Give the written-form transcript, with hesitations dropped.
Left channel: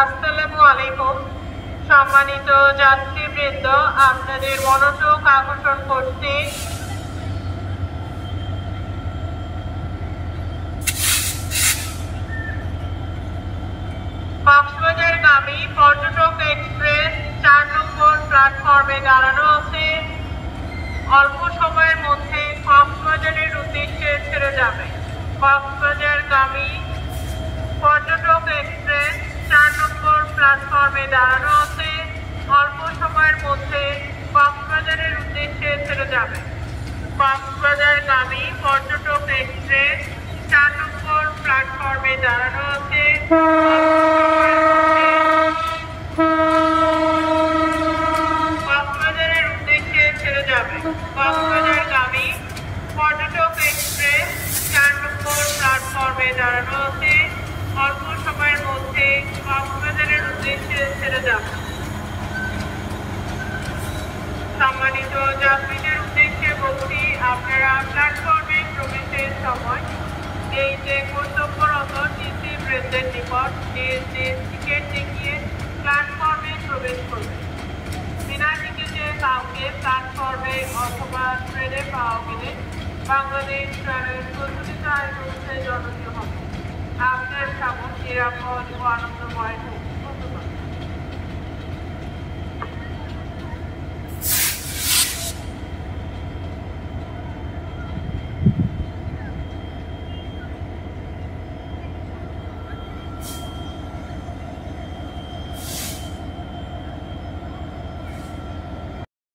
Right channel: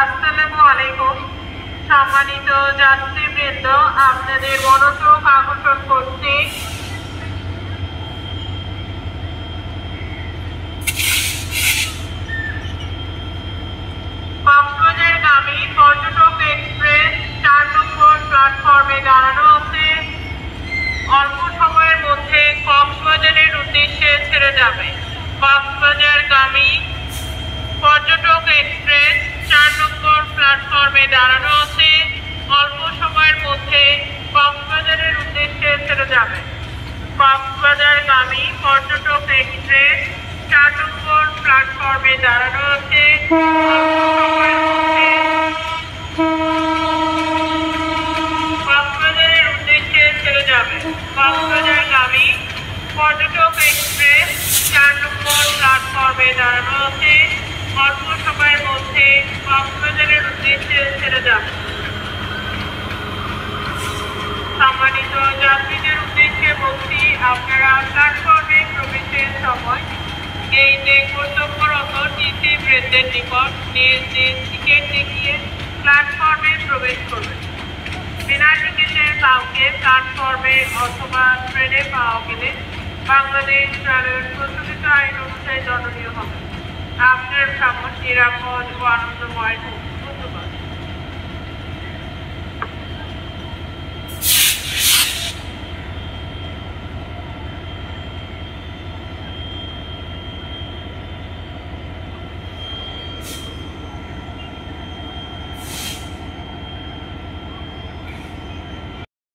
আসসালামু আলাইকুম। সম্মানিত যাত্রীবৃন্দ, আপনাদের মনোযোগ আকর্ষণ করছি কক্সবাজারগামী পর্যটক এক্সপ্রেস 4 নম্বর প্ল্যাটফর্মে দাঁড়ানো আছে। অল্প সময়ের মধ্যে কক্সবাজারের উদ্দেশ্যে ছেড়ে যাবে। কক্সবাজারগামী পর্যটক এক্সপ্রেস 4 নম্বর প্ল্যাটফর্মে দাঁড়ানো আছে। অল্প সময়ের মধ্যে কক্সবাজারের উদ্দেশ্যে ছেড়ে যাবে। কক্সবাজারগামী পর্যটক এক্সপ্রেস 4 নম্বর প্ল্যাটফর্মে দাঁড়ানো আছে। কক্সবাজারের উদ্দেশ্যে ছেড়ে যাবে। কক্সবাজারগামী পর্যটক এক্সপ্রেস 4 নম্বর প্ল্যাটফর্মে দাঁড়ানো আছে। অল্প সময়ের মধ্যে কক্সবাজারের উদ্দেশ্যে ছেড়ে যাবে। সম্মানিত যাত্রীদের উদ্দেশ্যে বলছি, আপনারা প্ল্যাটফর্মে প্রবেশের সময় গেইটে কর্তব্যরত টিসি বৃন্দের নিকট নিজ নিজ টিকিট দেখিয়ে প্ল্যাটফর্মে প্রবেশ করবেন। বিনা টিকিটে কাউকে প্ল্যাটফর্মে অথবা ট্রেনে পাওয়া গেলে বাংলাদেশ রেলওয়ের প্রচলিত আইন অনুযায়ী দণ্ডনীয় হবে। আপনার ভ্রমণ নিরাপদ ও আনন্দময় হোক।